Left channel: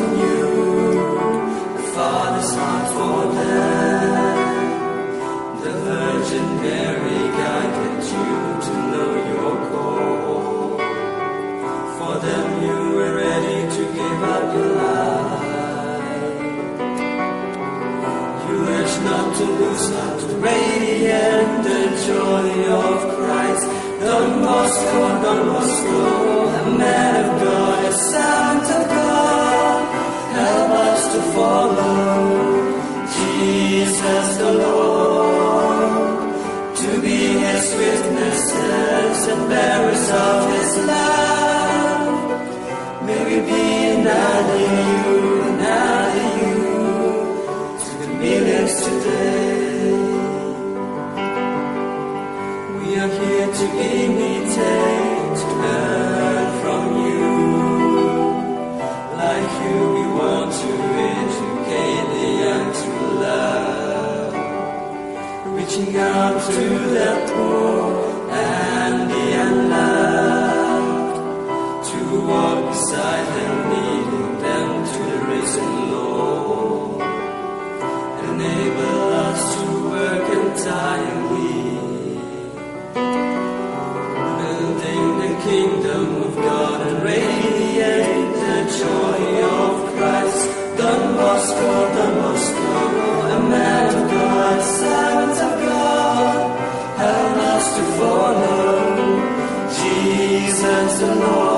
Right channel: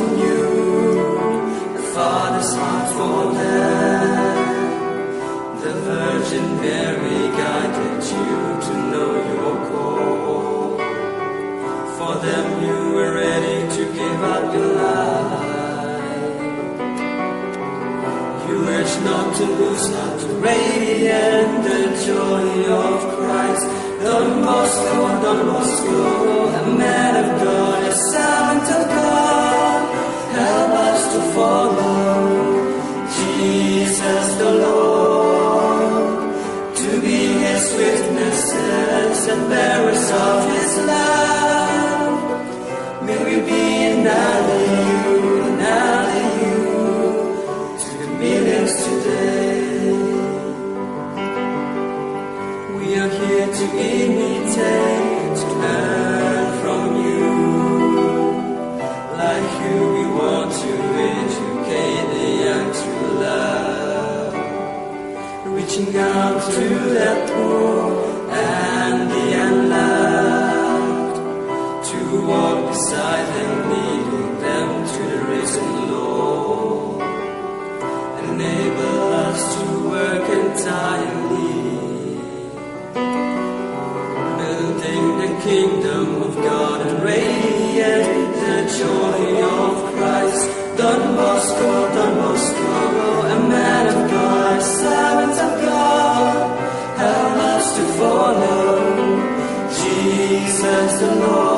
who knew the Father's heart for them. The Virgin Mary guided you to know your call. For them you were ready to give up your life. You urged not to lose, not to radiate the joy of Christ. Don Bosco, a man of God, a servant of God, help us to follow Jesus the Lord, to be His witnesses and bearers of His love. May we be an ally to the millions today. We are here to imitate, to learn from you. Like you, we want to educate the young to love, reaching out to the poor and the unloved, to walk beside them, leading them to the risen Lord, and enable us to work entirely, building the kingdom of God and radiate the joy of Christ. Don Bosco, a man of God, a servant of God, help us to follow Jesus the Lord.